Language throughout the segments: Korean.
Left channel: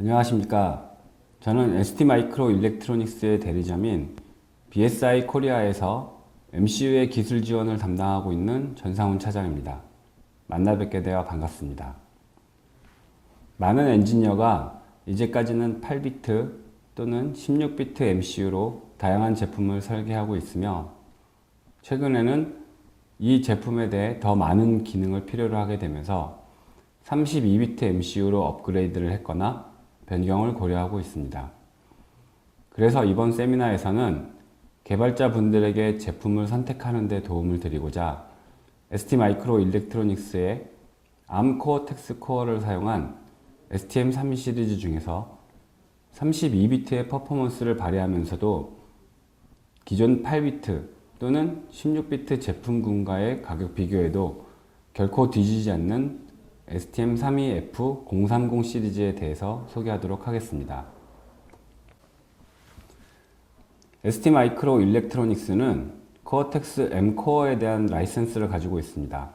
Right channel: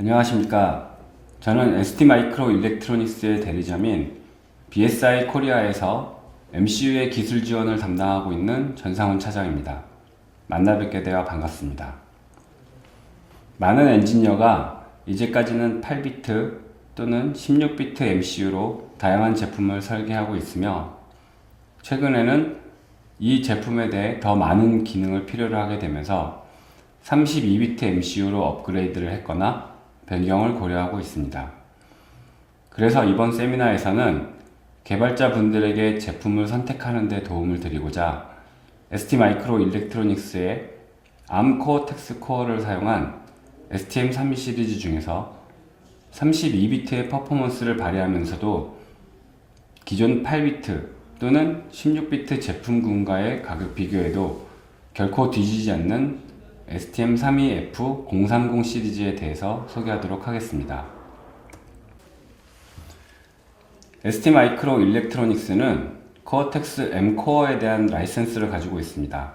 안녕하십니까. 저는 ST마이크로일렉트로닉스의 대리점인 BSI 코리아에서 MCU의 기술 지원을 담당하고 있는 전상훈 차장입니다. 만나 뵙게 되어 반갑습니다. 많은 엔지니어가 이제까지는 8비트 또는 16비트 MCU로 다양한 제품을 설계하고 있으며, 최근에는 이 제품에 대해 더 많은 기능을 필요로 하게 되면서 32비트 MCU로 업그레이드를 했거나 변경을 고려하고 있습니다. 그래서 이번 세미나에서는 개발자분들에게 제품을 선택하는 데 도움을 드리고자 ST마이크로일렉트로닉스의 ARM 코어텍스 코어를 사용한 STM32 시리즈 중에서 32비트의 퍼포먼스를 발휘하면서도 기존 8비트 또는 16비트 제품군과의 가격 비교에도 결코 뒤지지 않는 STM32F030 시리즈에 대해서 소개하도록 하겠습니다. ST마이크로일렉트로닉스는 코어텍스 M 코어에 대한 라이센스를 가지고 있습니다.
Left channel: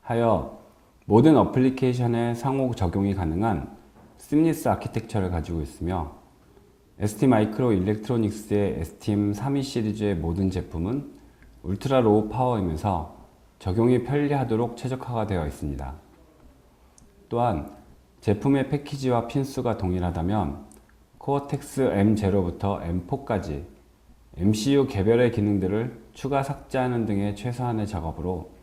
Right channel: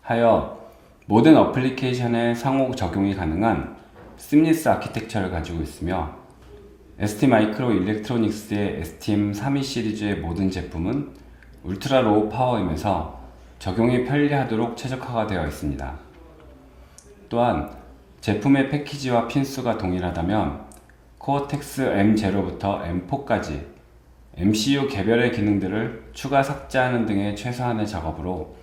하여 모든 어플리케이션에 상호 적용이 가능한 시므리스 아키텍처를 가지고 있으며, ST마이크로일렉트로닉스의 STM32 시리즈의 모든 제품은 울트라 로우 파워이면서 적용이 편리하도록 최적화가 되어 있습니다. 또한 제품의 패키지와 핀수가 동일하다면 코어텍스 M0부터 M4까지 MCU 개별의 기능들을 추가 삭제하는 등의 최소한의 작업으로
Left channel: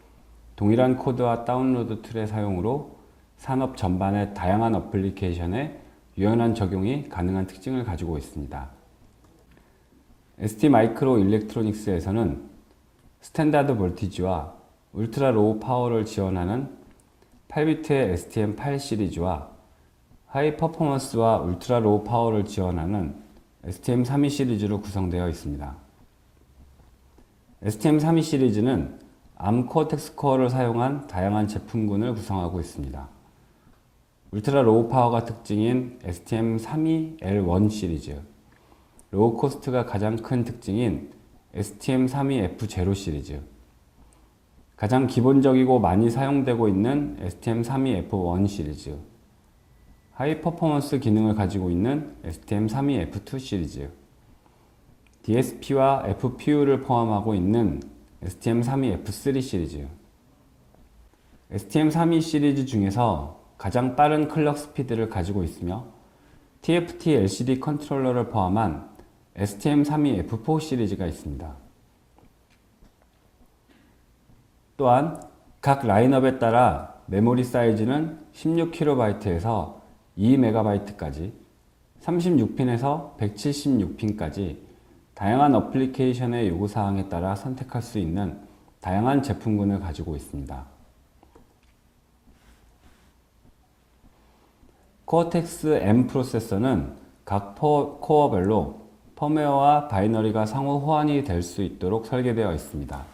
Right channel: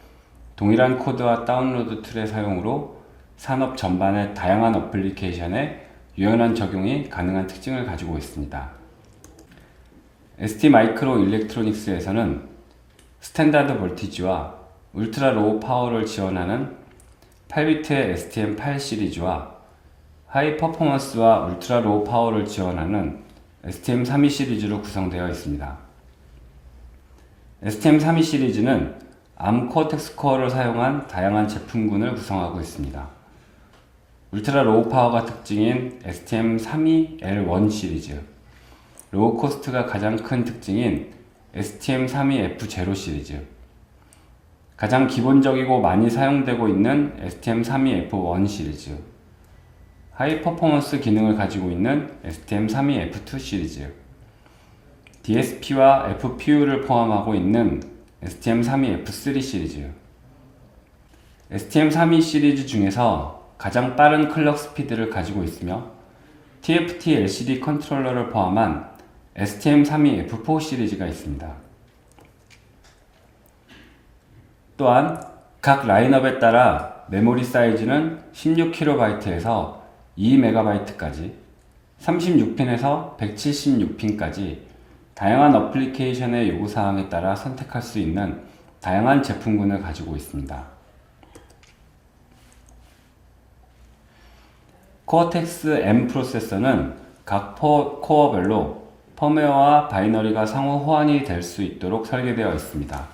동일한 코드와 다운로드 툴의 사용으로 산업 전반의 다양한 어플리케이션에 유연한 적용이 가능한 특징을 가지고 있습니다. ST마이크로일렉트로닉스에서는 스탠다드 볼티지와 울트라 로우 파워를 지원하는 8비트의 STM8 시리즈와 하이 퍼포먼스와 울트라 로우 파워를 지원하는 STM32 시리즈로 구성되어 있습니다. STM32 시리즈는 ARM 코어텍스 코어를 사용한 다양한 제품군을 구성하고 있습니다. 울트라 로우 파워가 특징인 STM32L1 시리즈, 로우 코스트가 가장 큰 특징인 STM32F0 시리즈, 가장 기본적이고 많이 사용되고 있는 STM32F1 시리즈, 하이 퍼포먼스 기능을 가지고 있는 STM32F2 시리즈, DSP와 FPU를 포함하고 있는 STM32F3 시리즈. STM32 시리즈 중에서 가장 빠른 클럭 스피드를 가지고 있으며 TFT LCD 컨트롤러를 포함한 STM32F4 시리즈가 있습니다. 또한 각 라인업에 따라 메모리 사이즈는 16KB에서 2MB까지, 36핀에서 176핀까지 다양한 어플리케이션의 요구사항에 따라 선택할 수 있는 다양한 제품군을 가지고 있습니다. 코어텍스 M 프로세서는 각 코어별로 펌웨어와 바이너리가 상호 호환이 될 수 있도록 설계되어 있습니다.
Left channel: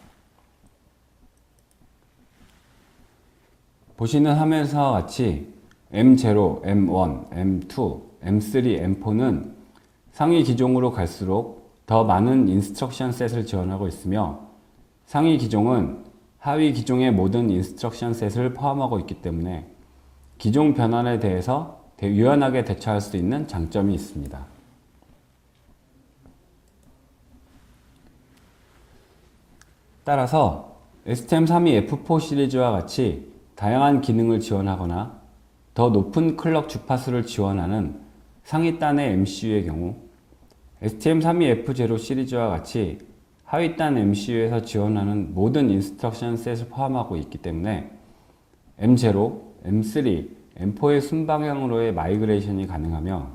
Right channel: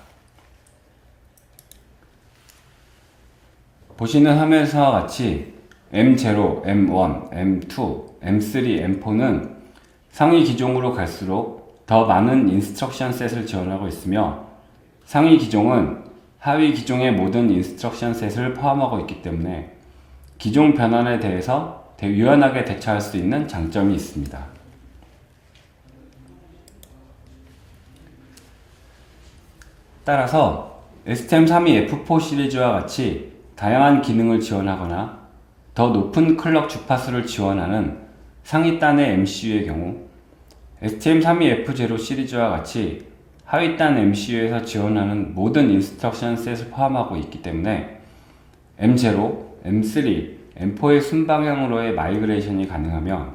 보시는 화면에서와 같이 M0, M1, M2, M3, M4는 상위 기종으로 갈수록 더 많은 인스트럭션 셋을 지원하고 있으며, 상위 기종은 하위 기종의 모든 인스트럭션 셋을 포함하고 있기 때문에 기종 변환에 대해서 유연하게 대처할 수 있는 장점이 있습니다. 따라서 STM32F4 시리즈와 같이 다양한 기능을 지원하거나 더 높은 클럭 주파수를 지원하는 상위단의 MCU의 경우, STM32F0 시리즈와 같이 하위단 MCU에서 지원하는 모든 인스트럭션 셋을 포함하고 있기 때문에 M0, M3, M4의 순방향으로의 마이그레이션이 가능하며,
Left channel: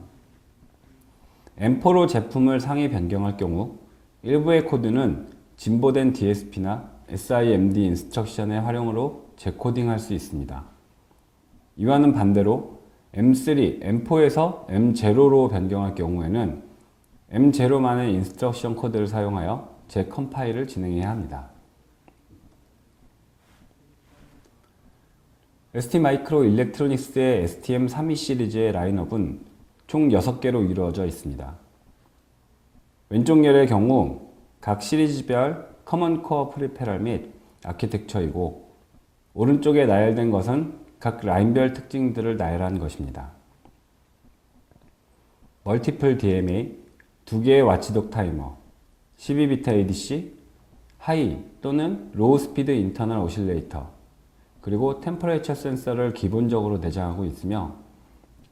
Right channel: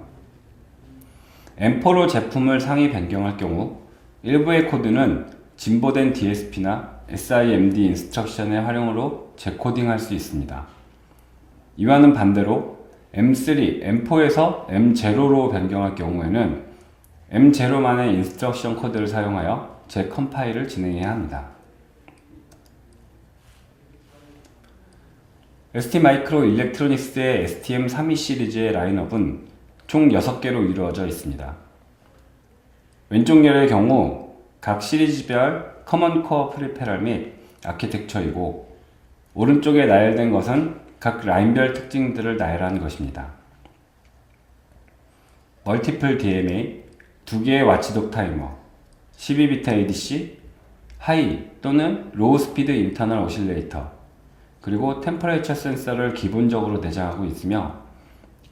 M4로 제품을 상위 변경할 경우 일부의 코드는 진보된 DSP나 SIMD 인스트럭션의 활용으로 재코딩할 수 있습니다. 이와는 반대로 M3, M4에서 M0로 변경할 경우에는 M0만의 인스트럭션 코드를 사용하여 재컴파일을 진행해야 합니다. ST마이크로일렉트로닉스의 STM32 시리즈의 라인업은 총 6개로 이루어져 있습니다. 왼쪽 열의 경우 각 시리즈별 커먼 코어 프리페럴 및 아키텍처이고, 오른쪽에 나열된 것은 각 라인별 특징들을 나열한 것입니다. 멀티플 DMA, 2개의 와치독 타이머, 12비트 ADC, 하이 또는 로우 스피드 인터널 오실레이터, 그리고 템퍼레이처 센서를 기본적으로 내장하고 있으며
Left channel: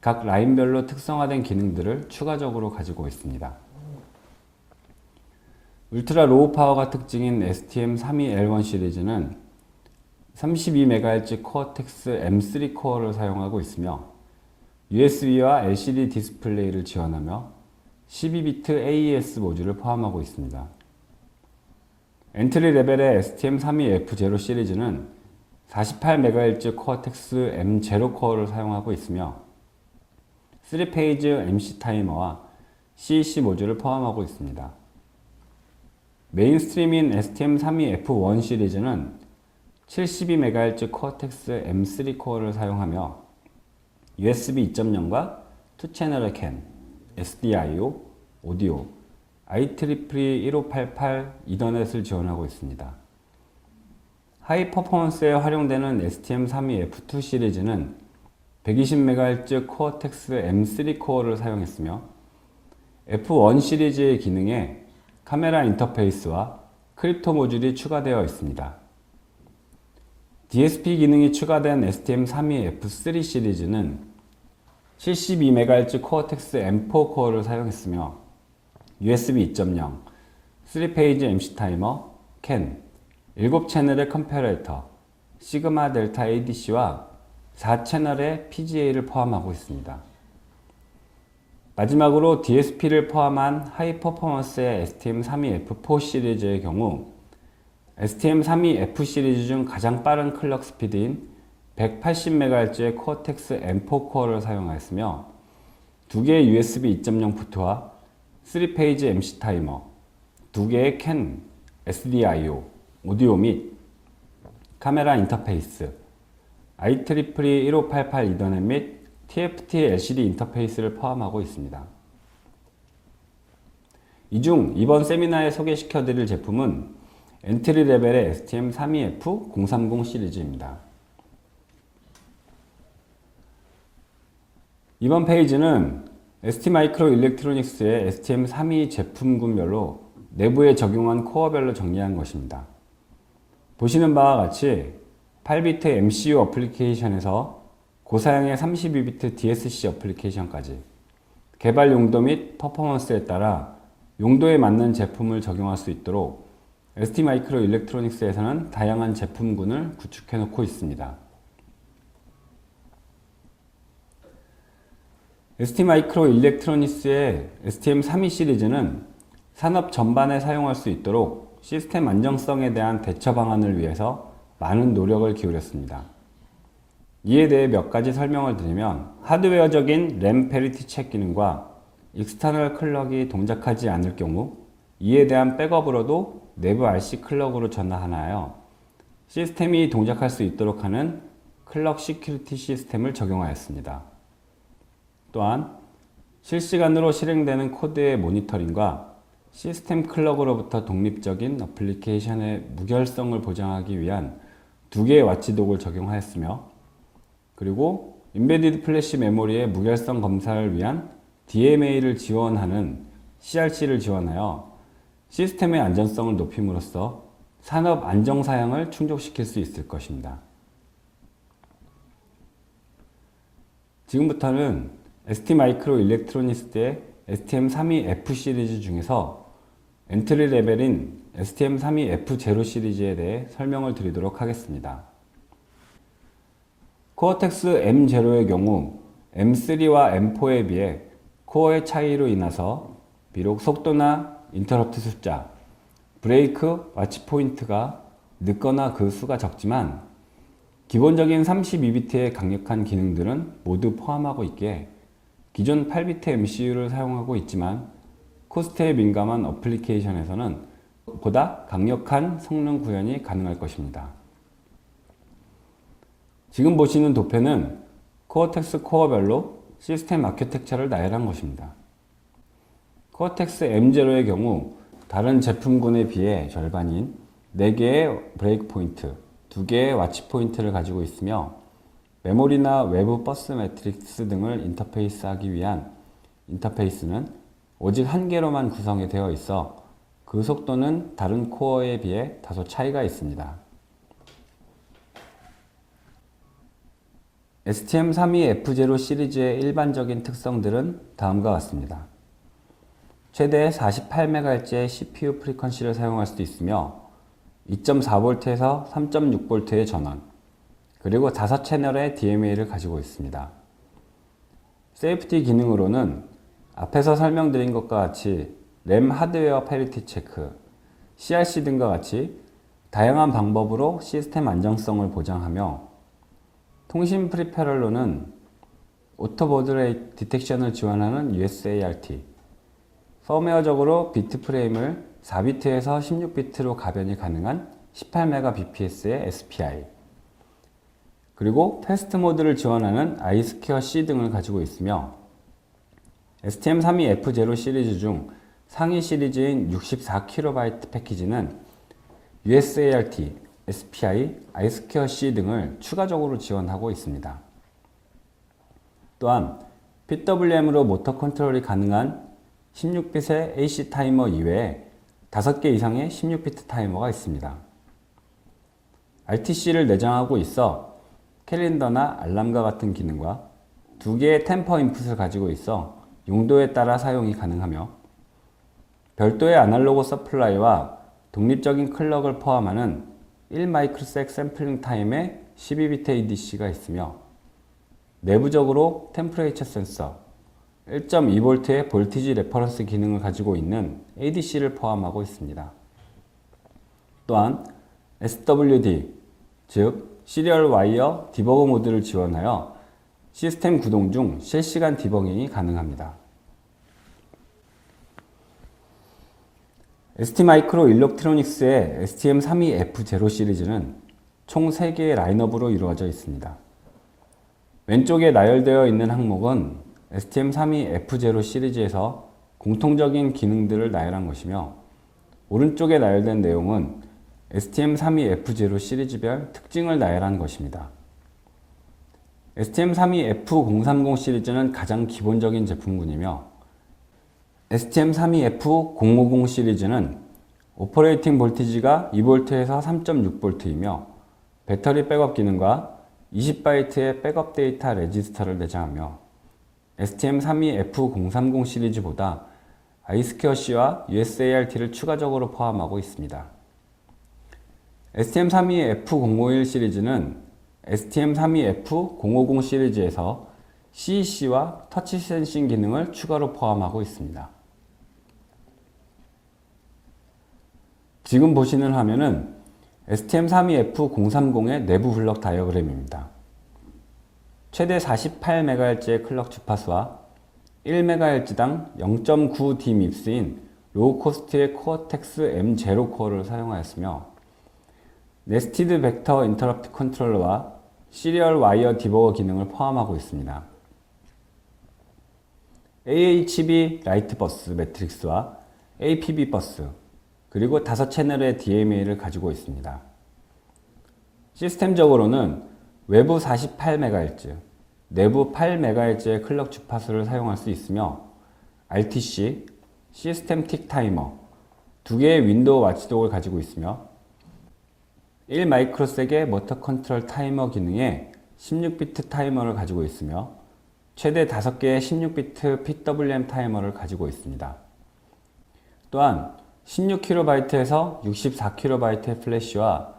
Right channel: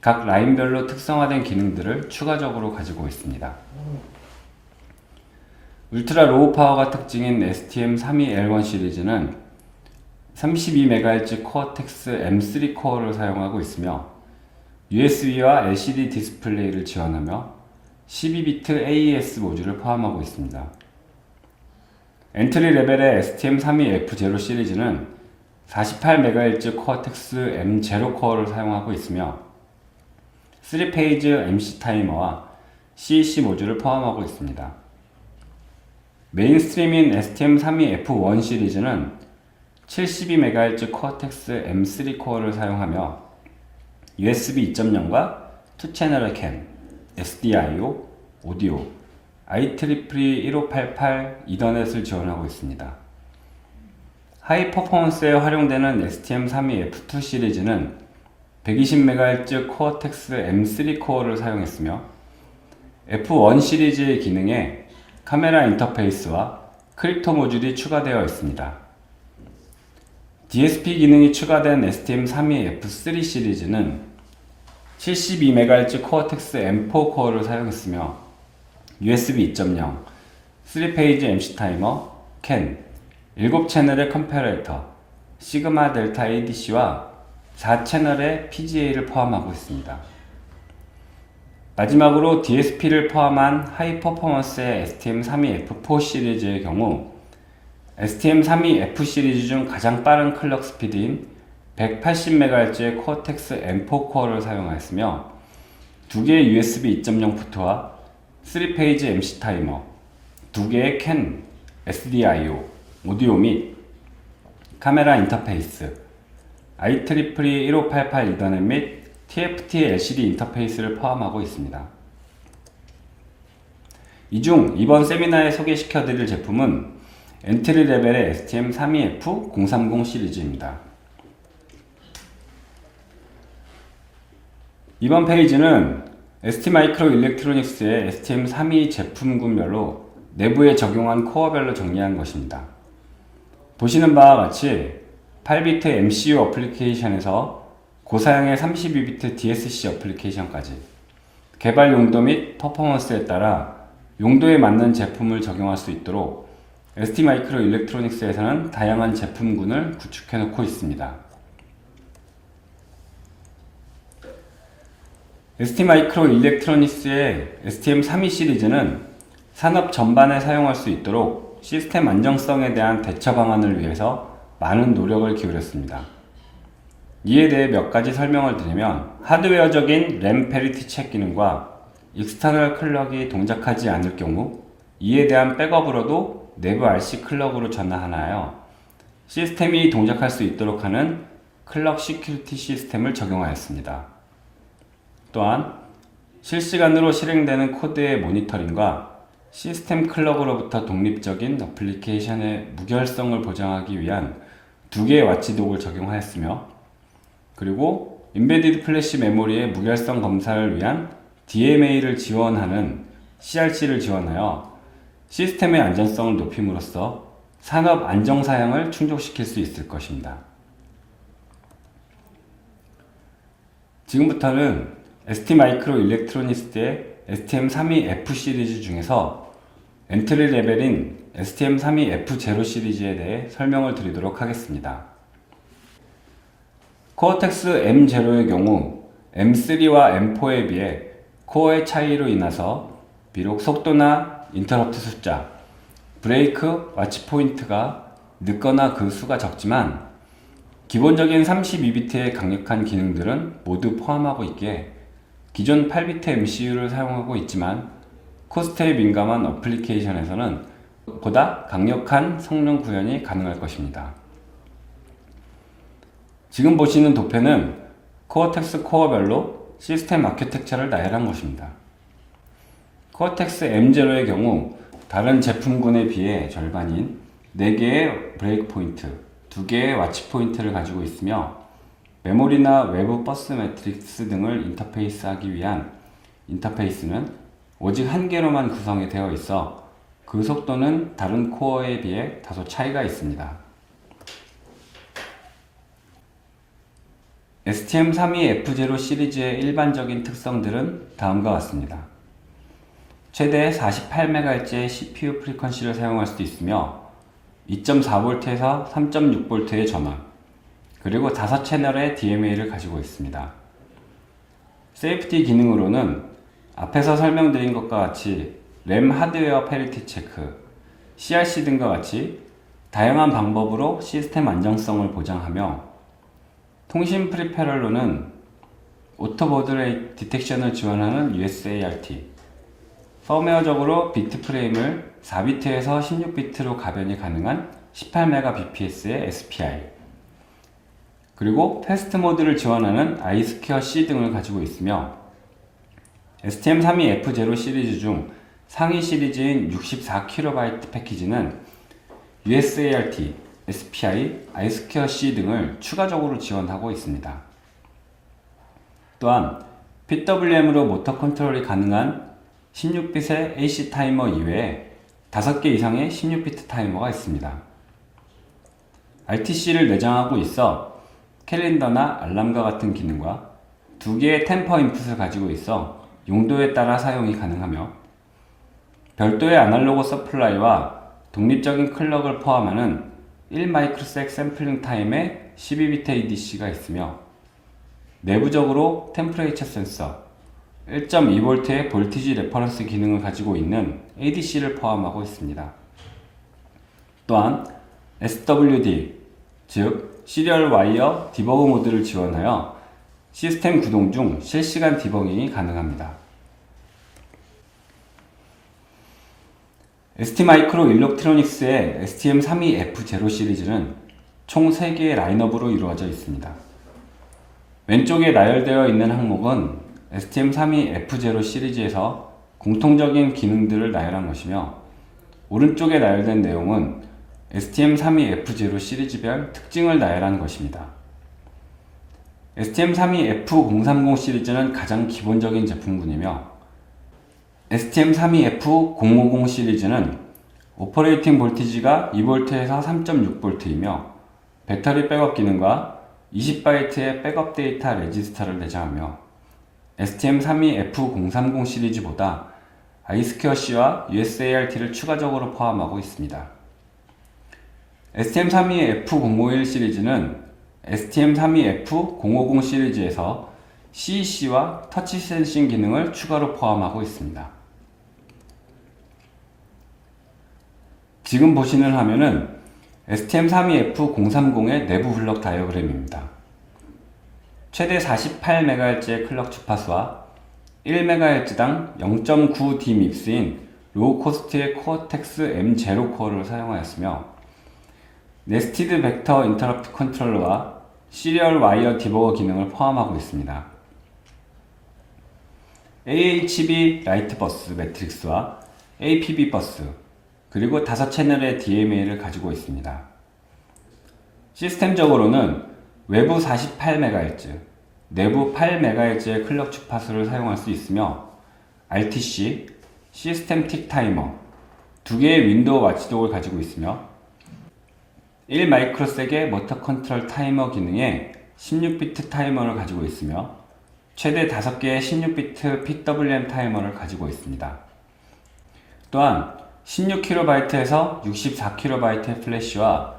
각 라인별로 특성화된 기능들을 추가적으로 가지고 있습니다. 울트라 로우 파워가 특징인 STM32L1 시리즈는 32MHz 코어텍스 M3 코어를 사용하고 있으며 USB와 LCD 디스플레이를 지원하며 12비트 AES 모듈을 포함하고 있습니다. 엔트리 레벨의 STM32F0 시리즈는 48MHz 코어텍스 M0 코어를 사용하고 있으며 3페이지 MC 타이머와 CEC 모듈을 포함하고 있습니다. 메인스트림인 STM32F1 시리즈는 72MHz 코어텍스 M3 코어를 사용하며 USB 2.0과 2채널의 CAN, SDIO, 오디오, IEEE 1588 이더넷을 지원하고 있습니다. 하이 퍼포먼스에 활용되는 STM32F2 시리즈는 120MHz 코어텍스 M3 코어를 사용했으며 F1 시리즈의 기능에 카메라 인터페이스와 크립토 모듈이 추가되어 있습니다. DSP 기능이 추가된 STM32F3 시리즈는 72MHz 코어텍스 M4 코어를 사용했으며 USB 2.0, 3페이지 MC 타이머, CAN, 7채널의 컴패레이터, 시그마 델타 ADC와 4채널의 PGA를 포함하고 있습니다. 마지막으로 DSP를 포함한 하이 퍼포먼스의 STM32F4 시리즈의 경우 STM32F 시리즈 중 가장 빠른 클럭 스피드인 180MHz의 코어텍스 M4 코어를 사용하였으며 2개의 USB 2.0 포트와 3페이지 MC 타이머, 2개의 CAN, SDIO, 오디오 및 카메라 인터페이스, IEEE 1588 이더넷 및 TFT LCD 인터페이스를 포함하고 있습니다. 이 중 이번 세미나에 소개시켜드릴 제품은 엔트리 레벨의 STM32F030 시리즈입니다. 이번 페이지는 ST마이크로일렉트로닉스의 STM32 제품군별로 내부에 적용한 코어별로 정리한 것입니다. 보시는 바와 같이 8비트 MCU 어플리케이션에서 고사양의 32비트 DSC 어플리케이션까지 개발 용도 및 퍼포먼스에 따라 용도에 맞는 제품을 적용할 수 있도록 ST마이크로일렉트로닉스에서는 다양한 제품군을 구축해 놓고 있습니다. ST마이크로일렉트로닉스의 STM32 시리즈는 산업 전반에 사용할 수 있도록 시스템 안정성에 대한 대처 방안을 위해서 많은 노력을 기울였습니다. 이에 대해 몇 가지 설명을 드리면 하드웨어적인 램 페리티 체크 기능과 익스터널 클럭이 동작하지 않을 경우 이에 대한 백업으로도 내부 RC 클럭으로 전환하여 시스템이 동작할 수 있도록 하는 클럭 시큐리티 시스템을 적용하였습니다. 또한 실시간으로 실행되는 코드의 모니터링과 시스템 클럭으로부터 독립적인 어플리케이션의 무결성을 보장하기 위한 2개의 와치독을 적용하였으며 그리고 인베디드 플래시 메모리의 무결성 검사를 위한 DMA를 지원하는 CRC를 지원하여 시스템의 안전성을 높임으로써 산업 안정사양을 충족시킬 수 있을 것입니다. 지금부터는 ST마이크로일렉트로닉스의 STM32F 시리즈 중에서 엔트리 레벨인 STM32F0 시리즈에 대해 설명을 드리도록 하겠습니다. 코어텍스 M0의 경우 M3와 M4에 비해 코어의 차이로 인해서 비록 속도나 인터럽트 숫자, 브레이크, 와치 포인트가 늦거나 그 수가 적지만 기본적인 32비트의 강력한 기능들은 모두 포함하고 있기에 기존 8비트 MCU를 사용하고 있지만 코스트에 민감한 어플리케이션에서는 보다 강력한 성능 구현이 가능할 것입니다. 지금 보시는 도표는 코어텍스 코어별로 시스템 아키텍처를 나열한 것입니다. 코어텍스 M0의 경우 다른 제품군에 비해 절반인 4개의 브레이크 포인트, 2개의 와치 포인트를 가지고 있으며 메모리나 외부 버스 매트릭스 등을 인터페이스하기 위한 인터페이스는 오직 한 개로만 구성이 되어 있어 그 속도는 다른 코어에 비해 다소 차이가 있습니다. STM32F0 시리즈의 일반적인 특성들은 다음과 같습니다. 최대 48MHz의 CPU 프리퀀시를 사용할 수도 있으며 2.4V에서 3.6V의 전원, 그리고 5채널의 DMA를 가지고 있습니다. 세이프티 기능으로는 앞에서 설명드린 것과 같이 램 하드웨어 패리티 체크, CRC 등과 같이 다양한 방법으로 시스템 안정성을 보장하며 통신 프리페럴로는 오토보드 레이트 디텍션을 지원하는 USART, 펌웨어적으로 비트 프레임을 4비트에서 16비트로 가변이 가능한 18Mbps의 SPI, 그리고 패스트 모드를 지원하는 I2C 등을 가지고 있으며 STM32F0 시리즈 중 상위 시리즈인 64KB 패키지는 USART, SPI, I2C 등을 추가적으로 지원하고 있습니다. 또한 PWM으로 모터 컨트롤이 가능한 16빛의 AC 타이머 이외에 5개 이상의 16비트 타이머가 있습니다. RTC를 내장하고 있어 캘린더나 알람과 같은 기능과 2개의 템퍼 인풋을 가지고 있어 용도에 따라 사용이 가능하며 별도의 아날로그 서플라이와 독립적인 클럭을 포함하는 1마이크로섹 샘플링 타임의 12비트 ADC가 있으며 내부적으로 템퍼레이처 센서, 1.2V의 볼티지 레퍼런스 기능을 가지고 있는 ADC를 포함하고 있습니다. 또한 SWD, 즉 시리얼 와이어 디버그 모드를 지원하여 시스템 구동 중 실시간 디버깅이 가능합니다. ST마이크로 일렉트로닉스의 STM32F0 시리즈는 총 3개의 라인업으로 이루어져 있습니다. 왼쪽에 나열되어 있는 항목은 STM32F0 시리즈에서 공통적인 기능들을 나열한 것이며 오른쪽에 나열된 내용은 STM32F0 시리즈별 특징을 나열한 것입니다. STM32F030 시리즈는 가장 기본적인 제품군이며 STM32F050 시리즈는 오퍼레이팅 볼티지가 2V에서 3.6V이며 배터리 백업 기능과 20바이트의 백업 데이터 레지스터를 내장하며 STM32F030 시리즈보다 I2C와 USART를 추가적으로 포함하고 있습니다. STM32F051 시리즈는 STM32F050 시리즈에서 CEC와 터치 센싱 기능을 추가로 포함하고 있습니다. 지금 보시는 화면은 STM32F030의 내부 블록 다이어그램입니다. 최대 48MHz의 클럭 주파수와 1MHz당 0.9D 밉스인 로우 코스트의 코어텍스 M0 코어를 사용하였으며 네스티드 벡터 인터럽트 컨트롤러와 시리얼 와이어 디버거 기능을 포함하고 있습니다. AHB 라이트 버스 매트릭스와 APB 버스, 그리고 5채널의 DMA를 가지고 있습니다. 시스템적으로는 외부 48MHz, 내부 8MHz의 클럭 주파수를 사용할 수 있으며 RTC, 시스템 틱 타이머, 2개의 윈도우 와치독을 가지고 있으며 1마이크로섹의 모터 컨트롤 타이머 기능에 16비트 타이머를 가지고 있으며 최대 5개의 16비트 PWM 타이머를 가지고 있습니다. 또한 16kB에서 64kB의 플래시와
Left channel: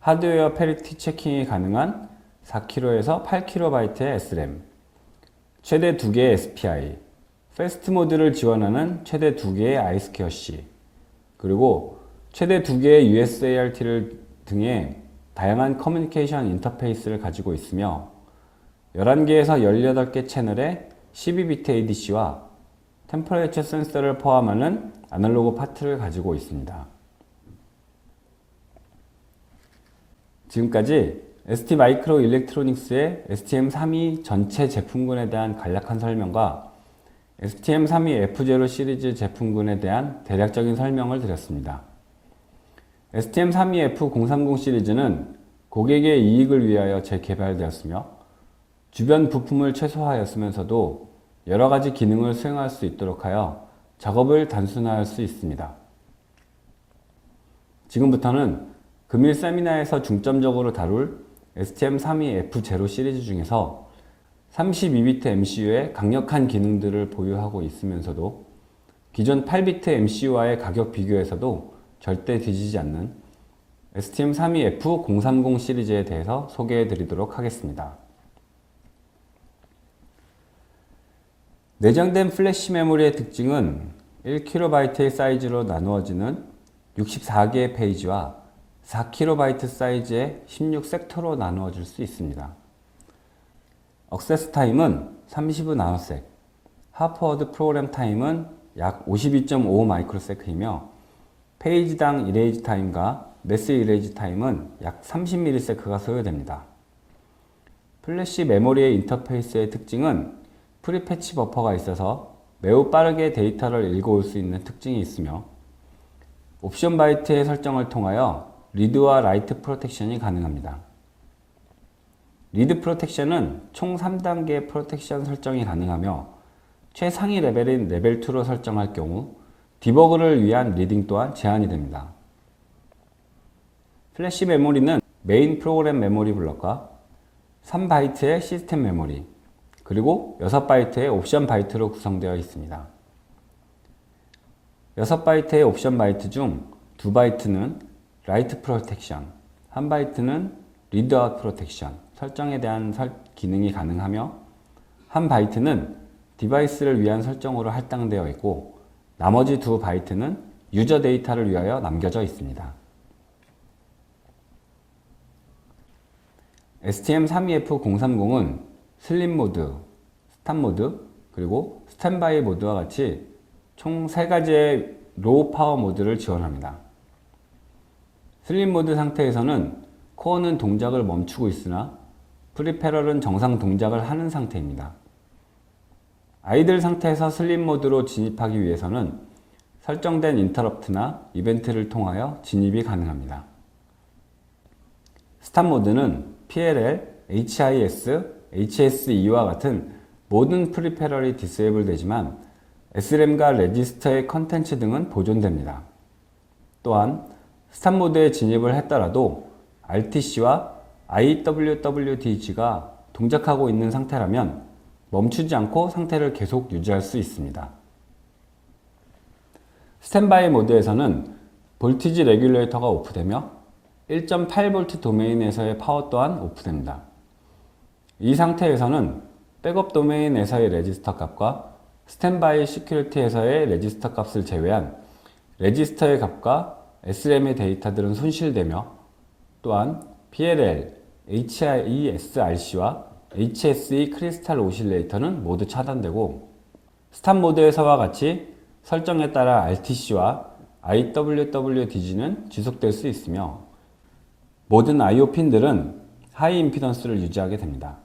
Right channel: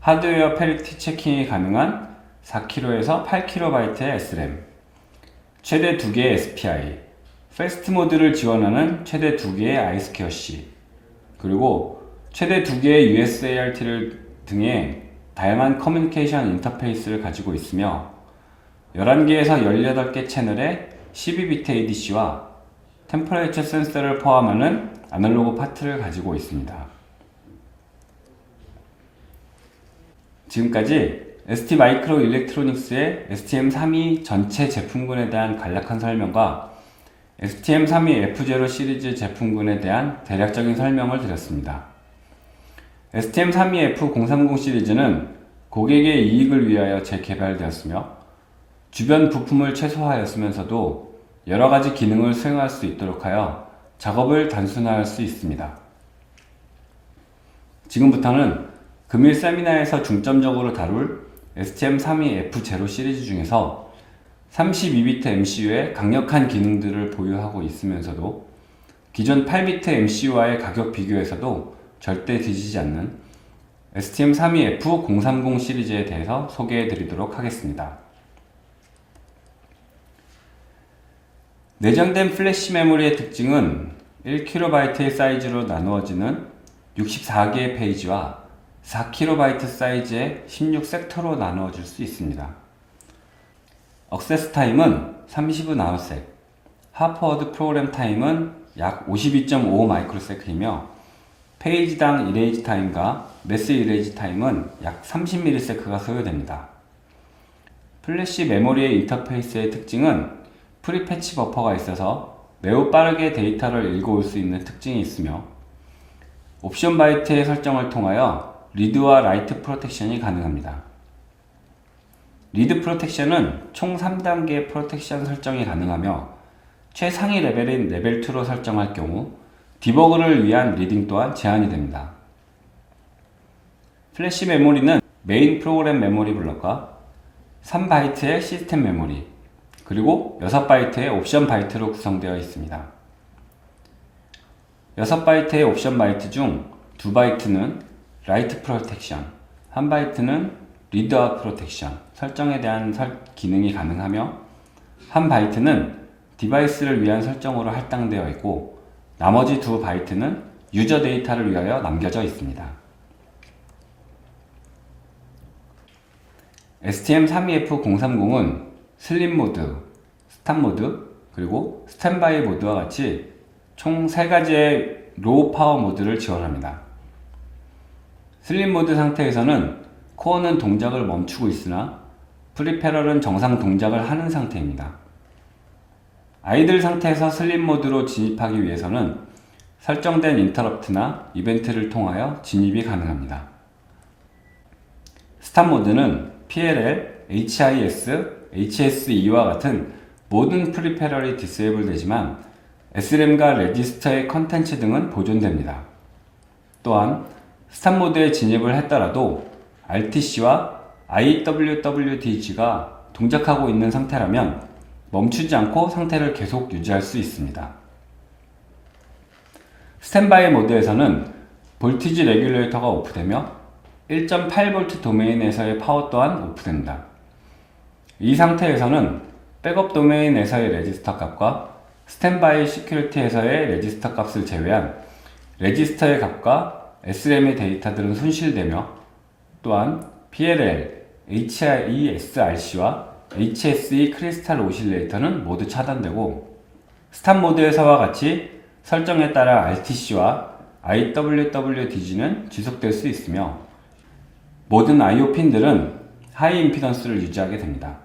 하드웨어 패리티 체킹이 가능한 4kb에서 8kB의 SRAM, 최대 2개의 SPI, 패스트 모드를 지원하는 최대 2개의 I2C, 그리고 최대 2개의 USART 등의 다양한 커뮤니케이션 인터페이스를 가지고 있으며 11개에서 18개 채널의 12비트 ADC와 템퍼레이처 센서를 포함하는 아날로그 파트를 가지고 있습니다. 지금까지 ST마이크로 일렉트로닉스의 STM32 전체 제품군에 대한 간략한 설명과 STM32F0 시리즈 제품군에 대한 대략적인 설명을 드렸습니다. STM32F030 시리즈는 고객의 이익을 위하여 재개발되었으며 주변 부품을 최소화하였으면서도 여러가지 기능을 수행할 수 있도록 하여 작업을 단순화할 수 있습니다. 지금부터는 금일 세미나에서 중점적으로 다룰 STM32F0 시리즈 중에서 32비트 MCU의 강력한 기능들을 보유하고 있으면서도 기존 8비트 MCU와의 가격 비교에서도 절대 뒤지지 않는 STM32F030 시리즈에 대해서 소개해 드리도록 하겠습니다. 내장된 플래시 메모리의 특징은 1KB의 사이즈로 나누어지는 64개의 페이지와 4KB 사이즈의 16섹터로 나누어질 수 있습니다. 억세스 타임은 30의 나노섹, 하프워드 프로그램 타임은 약 52.5 마이크로세크이며 페이지당 이레이지 타임과 매스 이레이지 타임은 약 30ms가 소요됩니다. 플래시 메모리의 인터페이스의 특징은 프리패치 버퍼가 있어서 매우 빠르게 데이터를 읽어올 수 있는 특징이 있으며 옵션 바이트의 설정을 통하여 리드와 라이트 프로텍션이 가능합니다. 리드 프로텍션은 총 3단계의 프로텍션 설정이 가능하며 최상위 레벨인 레벨 2로 설정할 경우 디버그를 위한 리딩 또한 제한이 됩니다. 플래시 메모리는 메인 프로그램 메모리 블럭과 3바이트의 시스템 메모리, 그리고 6바이트의 옵션 바이트로 구성되어 있습니다. 6바이트의 옵션 바이트 중 2바이트는 라이트 프로텍션, 1바이트는 리드와 프로텍션 설정에 대한 기능이 가능하며 1바이트는 디바이스를 위한 설정으로 할당되어 있고 나머지 2바이트는 유저 데이터를 위하여 남겨져 있습니다. STM32F030은 슬림 모드, 스탑 모드, 그리고 스탠바이 모드와 같이 총 3가지의 로우 파워 모드를 지원합니다. 슬림 모드 상태에서는 코어는 동작을 멈추고 있으나 프리페럴은 정상 동작을 하는 상태입니다. 아이들 상태에서 슬림 모드로 진입하기 위해서는 설정된 인터럽트나 이벤트를 통하여 진입이 가능합니다. 스탑 모드는 PLL, HIS, HSE와 같은 모든 프리페럴이 디세이블 되지만 SRAM과 레지스터의 컨텐츠 등은 보존됩니다. 또한 스탑 모드에 진입을 했더라도 RTC와 IWWDG가 동작하고 있는 상태라면 멈추지 않고 상태를 계속 유지할 수 있습니다. 스탠바이 모드에서는 볼티지 레귤레이터가 오프되며 1.8V 도메인에서의 파워 또한 오프됩니다. 이 상태에서는 백업 도메인에서의 레지스터 값과 스탠바이 시큐리티에서의 레지스터 값을 제외한 레지스터의 값과 SRAM의 데이터들은 손실되며 또한 PLL, HISRC와 HSE 크리스탈 오실레이터는 모두 차단되고 스탑 모드에서와 같이 설정에 따라 RTC와 IWWDG는 지속될 수 있으며 모든 IO 핀들은 하이 임피던스를 유지하게 됩니다.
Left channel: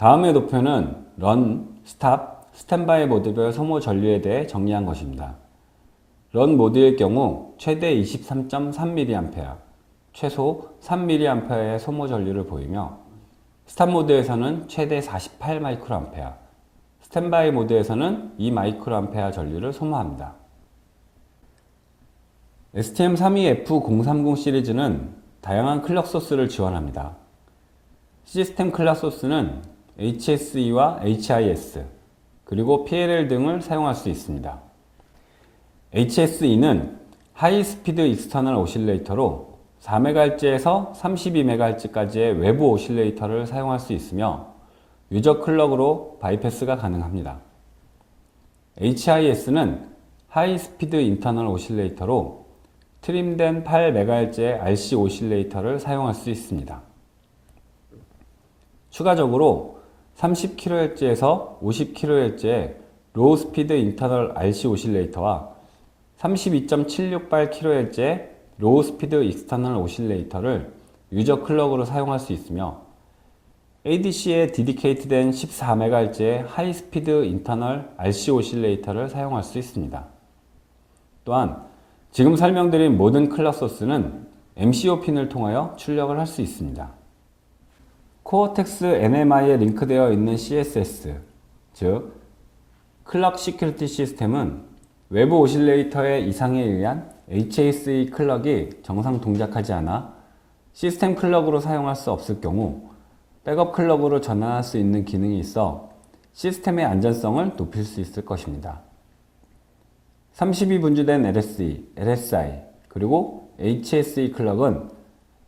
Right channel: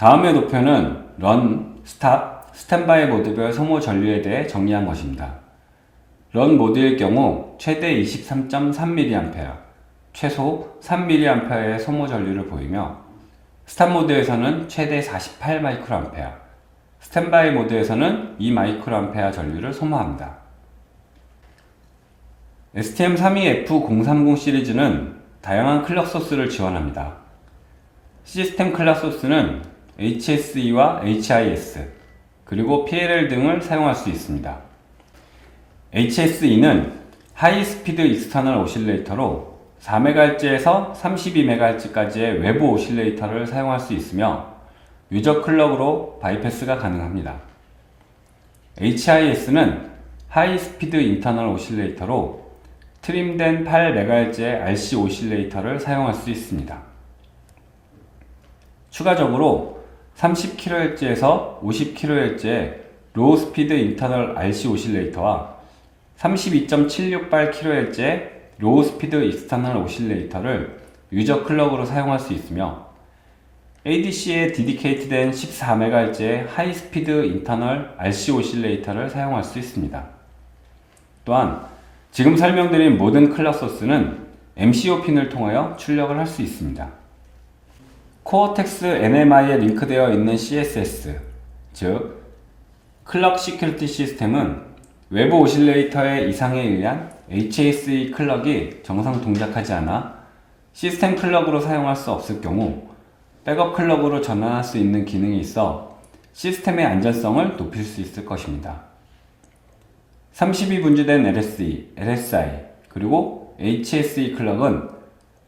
다음의 도표는 런, 스탑, 스탠바이 모드별 소모 전류에 대해 정리한 것입니다. 런 모드의 경우 최대 23.3mA, 최소 3mA의 소모 전류를 보이며 스탑 모드에서는 최대 48μA, 스탠바이 모드에서는 2μA 전류를 소모합니다. STM32F030 시리즈는 다양한 클럭 소스를 지원합니다. 시스템 클럭 소스는 HSE와 HIS, 그리고 PLL 등을 사용할 수 있습니다. HSE는 하이 스피드 익스터널 오실레이터로 4MHz에서 32MHz까지의 외부 오실레이터를 사용할 수 있으며 유저 클럭으로 바이패스가 가능합니다. HIS는 하이 스피드 인터널 오실레이터로 트림된 8MHz의 RC 오실레이터를 사용할 수 있습니다. 추가적으로 30kHz에서 50kHz의 로우 스피드 인터널 RC 오실레이터와 32.768kHz의 로우 스피드 익스터널 오실레이터를 유저 클럭으로 사용할 수 있으며 ADC에 디디케이트된 14MHz의 하이 스피드 인터널 RC 오실레이터를 사용할 수 있습니다. 또한 지금 설명드린 모든 클럭 소스는 MCU 핀을 통하여 출력을 할 수 있습니다. 코어텍스 NMI에 링크되어 있는 CSS, 즉 클럭 시큐리티 시스템은 외부 오실레이터의 이상에 의한 HAC 클럭이 정상 동작하지 않아 시스템 클럭으로 사용할 수 없을 경우 백업 클럭으로 전환할 수 있는 기능이 있어 시스템의 안전성을 높일 수 있을 것입니다. 32분주된 LSE, LSI, 그리고 HSE 클럭은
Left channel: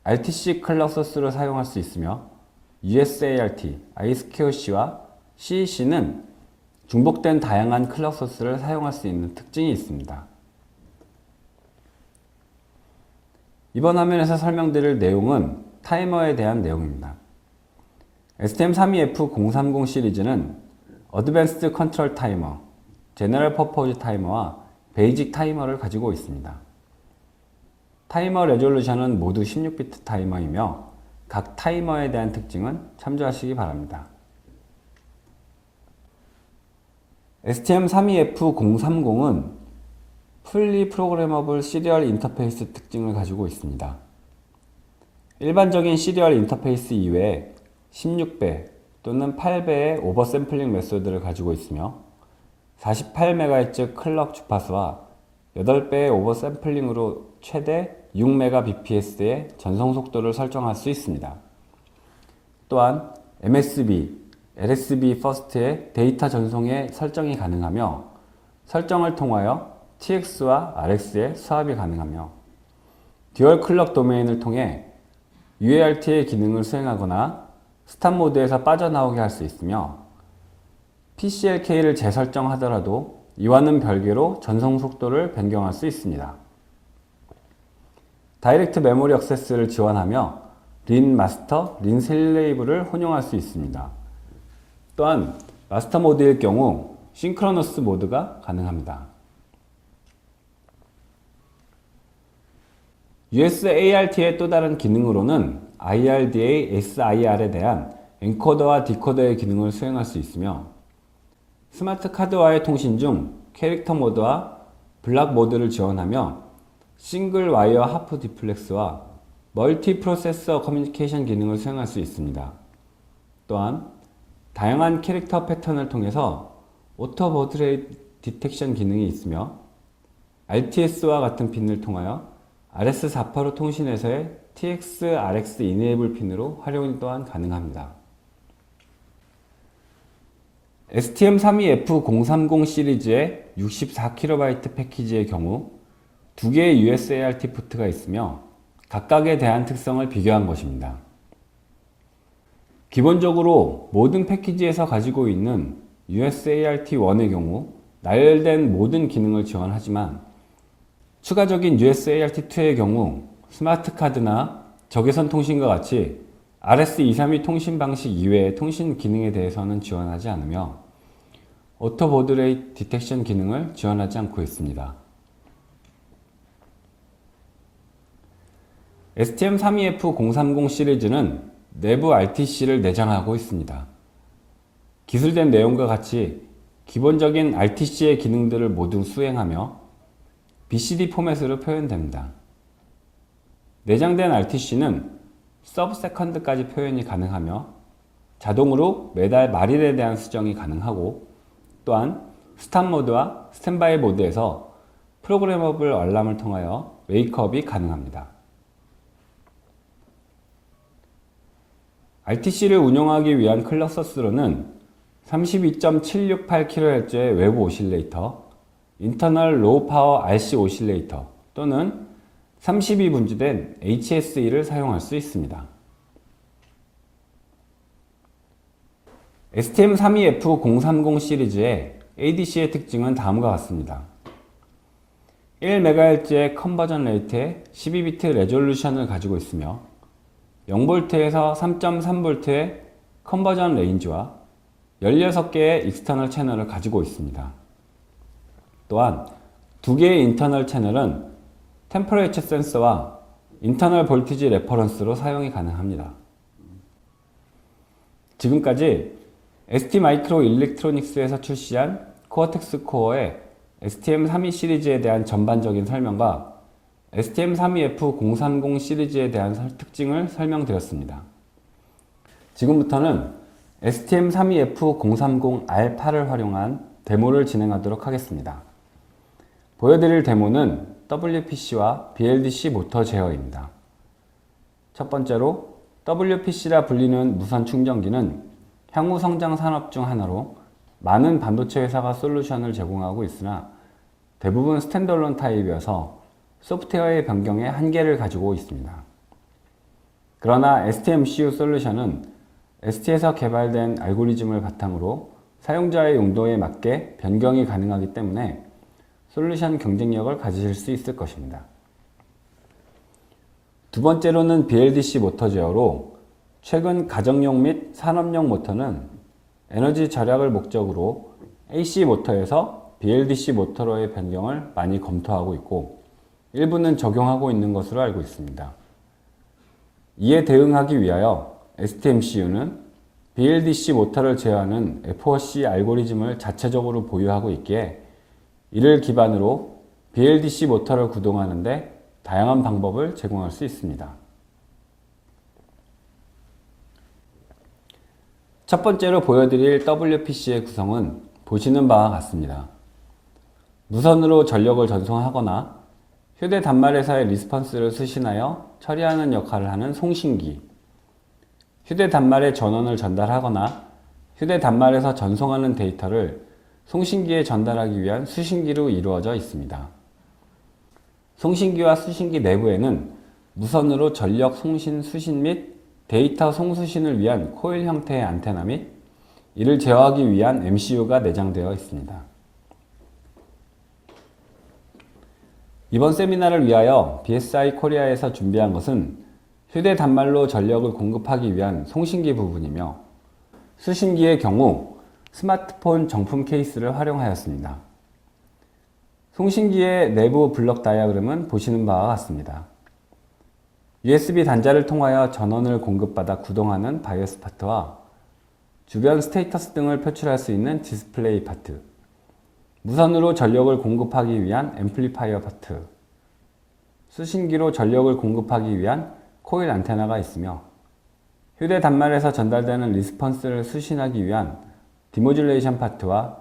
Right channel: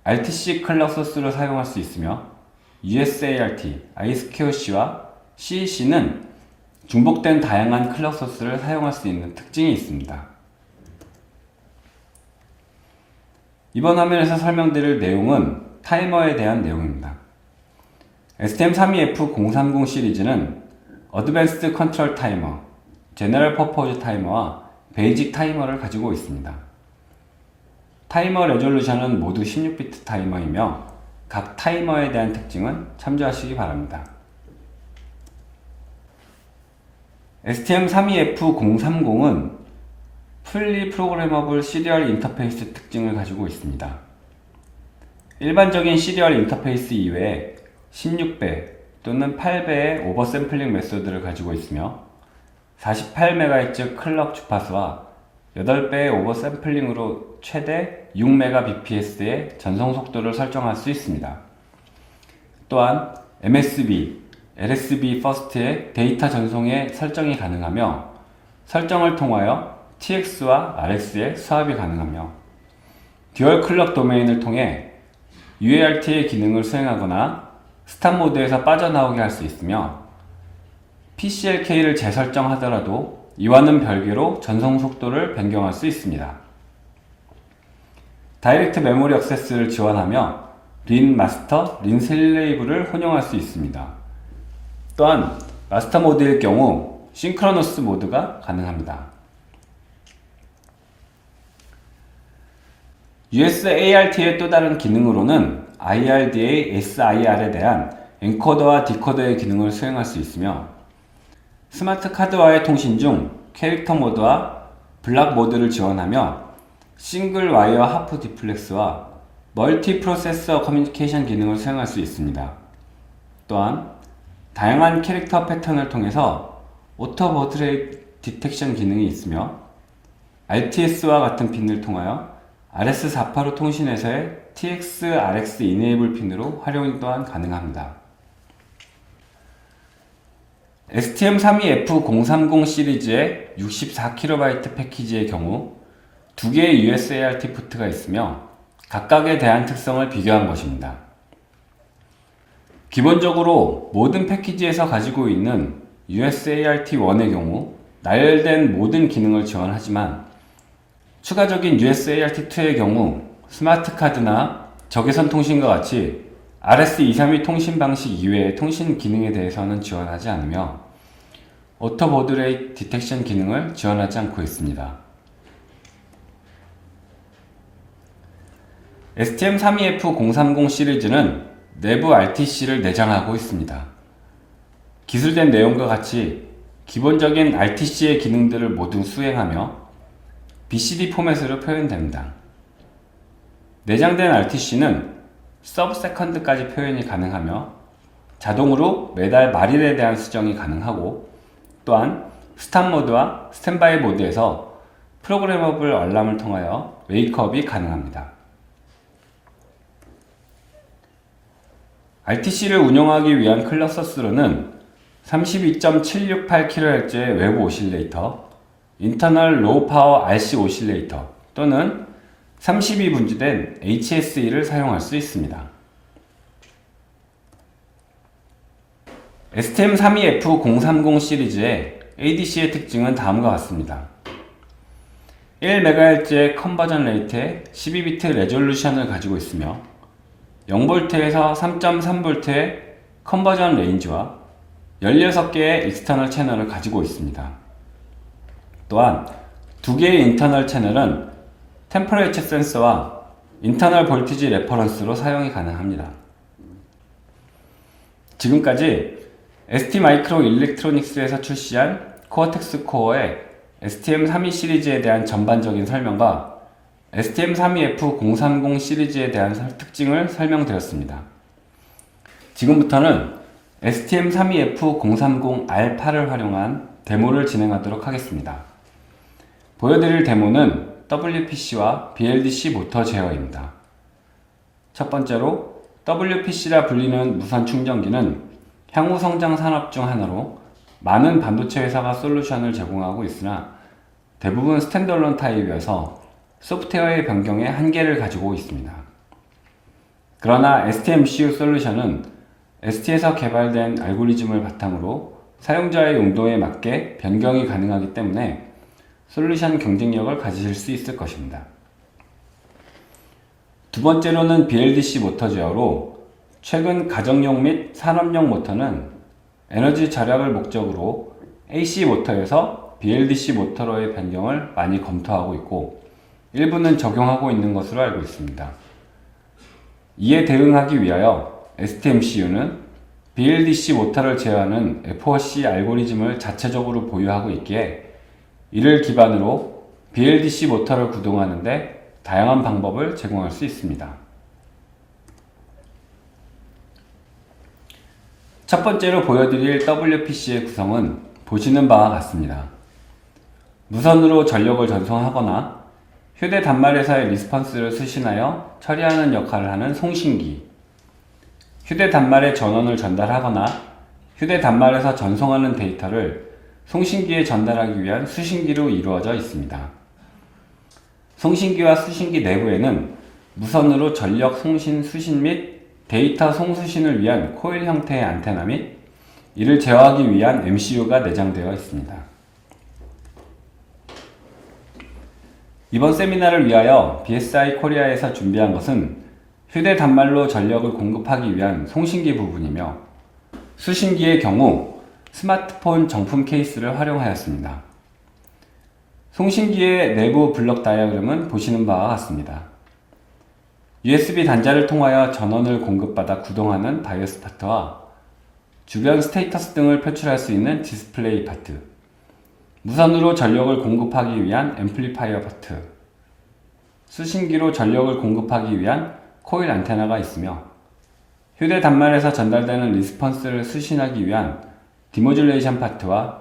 RTC 클럭 소스로 사용할 수 있으며 USART, I2C와 CEC는 중복된 다양한 클럭 소스를 사용할 수 있는 특징이 있습니다. 이번 화면에서 설명드릴 내용은 타이머에 대한 내용입니다. STM32F030 시리즈는 어드밴스드 컨트롤 타이머, 제너럴 퍼포즈 타이머와 베이직 타이머를 가지고 있습니다. 타이머 레졸루션은 모두 16비트 타이머이며 각 타이머에 대한 특징은 참조하시기 바랍니다. STM32F030은 풀리 프로그래머블 시리얼 인터페이스 특징을 가지고 있습니다. 일반적인 시리얼 인터페이스 이외에 16배 또는 8배의 오버샘플링 메소드를 가지고 있으며 48MHz 클럭 주파수와 8배의 오버샘플링으로 최대 6Mbps의 전송 속도를 설정할 수 있습니다. 또한 MSB, LSB 퍼스트의 데이터 전송에 설정이 가능하며 설정을 통하여 TX와 RX의 수합이 가능하며 듀얼 클럭 도메인을 통해 UART의 기능을 수행하거나 스탑 모드에서 빠져나오게 할 수 있으며 PCLK를 재설정하더라도 이와는 별개로 전송 속도를 변경할 수 있습니다. 다이렉트 메모리 액세스를 지원하며 린 마스터, 린 슬레이브를 혼용할 수 있습니다. 또한 마스터 모드일 경우 싱크로너스 모드가 가능합니다. USART의 또 다른 기능으로는 IRDA, SIR에 대한 엔코더와 디코더의 기능을 수행할 수 있으며 스마트 카드와의 통신 중 캐릭터 모드와 블락 모드를 지원하며 싱글 와이어 하프 디플렉스와 멀티 프로세서 커뮤니케이션 기능을 수행할 수 있습니다. 또한 다양한 캐릭터 패턴을 통해서 오토 버트레이트 디텍션 기능이 있으며 RTS와 같은 핀을 통하여 RS485 통신에서의 TX, RX 이네이블 핀으로 활용 또한 가능합니다. STM32F030 시리즈의 64KB 패키지의 경우 두 개의 USART 포트가 있으며 각각에 대한 특성을 비교한 것입니다. 기본적으로 모든 패키지에서 가지고 있는 USART1의 경우 나열된 모든 기능을 지원하지만 추가적인 USART2의 경우 스마트 카드나 적외선 통신과 같이 RS232 통신 방식 이외의 통신 기능에 대해서는 지원하지 않으며 오토 보드 레이트 디텍션 기능을 지원하지 않고 있습니다. STM32F030 시리즈는 내부 RTC를 내장하고 있습니다. 기술된 내용과 같이 기본적인 RTC의 기능들을 모두 수행하며 BCD 포맷으로 표현됩니다. 내장된 RTC는 서브세컨드까지 표현이 가능하며 자동으로 매달 말일에 대한 수정이 가능하고 또한 스탑 모드와 스탠바이 모드에서 프로그래머블 알람을 통하여 웨이크업이 가능합니다. RTC를 운영하기 위한 클럭 소스로는 32.768kHz의 외부 오실레이터, 인터널 로우 파워 RC 오실레이터 또는 32분주된 HSE를 사용할 수 있습니다. STM32F030 시리즈의 ADC의 특징은 다음과 같습니다. 1MHz의 컨버전 레이트에 12비트 레졸루션을 가지고 있으며 0V에서 3.3V의 컨버전 레인지와 16개의 익스터널 채널을 가지고 있습니다. 또한 두 개의 인터널 채널은 템퍼레이처 센서와 인터널 볼티지 레퍼런스로 사용이 가능합니다. 지금까지 ST마이크로 일렉트로닉스에서 출시한 코어텍스 코어의 STM32 시리즈에 대한 전반적인 설명과 STM32F030 시리즈에 대한 특징을 설명드렸습니다. 지금부터는 STM32F030R8을 활용한 데모를 진행하도록 하겠습니다. 보여드릴 데모는 WPC와 BLDC 모터 제어입니다. 첫 번째로 WPC라 불리는 무선 충전기는 향후 성장 산업 중 하나로 많은 반도체 회사가 솔루션을 제공하고 있으나 대부분 스탠드얼론 타입이어서 소프트웨어의 변경에 한계를 가지고 있습니다. 그러나 STMCU 솔루션은 ST에서 개발된 알고리즘을 바탕으로 사용자의 용도에 맞게 변경이 가능하기 때문에 솔루션 경쟁력을 가지실 수 있을 것입니다. 두 번째로는 BLDC 모터 제어로 최근 가정용 및 산업용 모터는 에너지 절약을 목적으로 AC 모터에서 BLDC 모터로의 변경을 많이 검토하고 있고 일부는 적용하고 있는 것으로 알고 있습니다. 이에 대응하기 위하여 STMCU는 BLDC 모터를 제어하는 FOC 알고리즘을 자체적으로 보유하고 있기에 이를 기반으로 BLDC 모터를 구동하는 데 다양한 방법을 제공할 수 있습니다. 첫 번째로 보여드릴 WPC의 구성은 보시는 바와 같습니다. 무선으로 전력을 전송하거나 휴대 단말에서의 리스폰스를 수신하여 처리하는 역할을 하는 송신기, 휴대 단말에 전원을 전달하거나 휴대 단말에서 전송하는 데이터를 송신기에 전달하기 위한 수신기로 이루어져 있습니다. 송신기와 수신기 내부에는 무선으로 전력 송신 수신 및 데이터 송수신을 위한 코일 형태의 안테나 및 이를 제어하기 위한 MCU가 내장되어 있습니다. 이번 세미나를 위하여 BSI 코리아에서 준비한 것은 휴대 단말로 전력을 공급하기 위한 송신기 부분이며 수신기의 경우 스마트폰 정품 케이스를 활용하였습니다. 송신기의 내부 블록 다이어그램은 보시는 바와 같습니다. USB 단자를 통하여 전원을 공급받아 구동하는 바이오스 파트와 주변 스테이터스 등을 표출할 수 있는 디스플레이 파트, 무선으로 전력을 공급하기 위한 앰플리파이어 파트, 수신기로 전력을 공급하기 위한 코일 안테나가 있으며 휴대 단말에서 전달되는 리스폰스를 수신하기 위한 디모듈레이션 파트와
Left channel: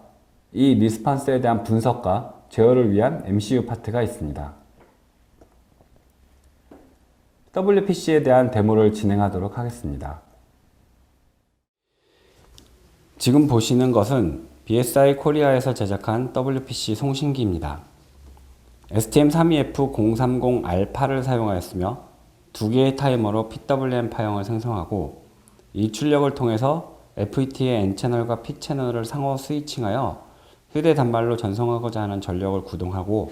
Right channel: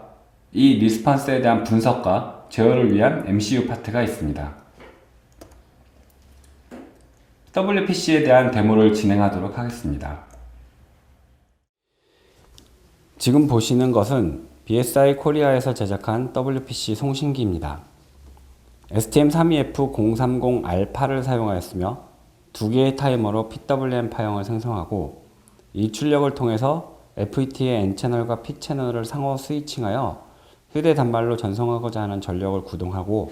이 리스폰스에 대한 분석과 제어를 위한 MCU 파트가 있습니다. WPC에 대한 데모를 진행하도록 하겠습니다. 지금 보시는 것은 BSI 코리아에서 제작한 WPC 송신기입니다. STM32F030R8을 사용하였으며 두 개의 타이머로 PWM 파형을 생성하고 이 출력을 통해서 FET의 N채널과 P채널을 상호 스위칭하여 휴대 단말로 전송하고자 하는 전력을 구동하고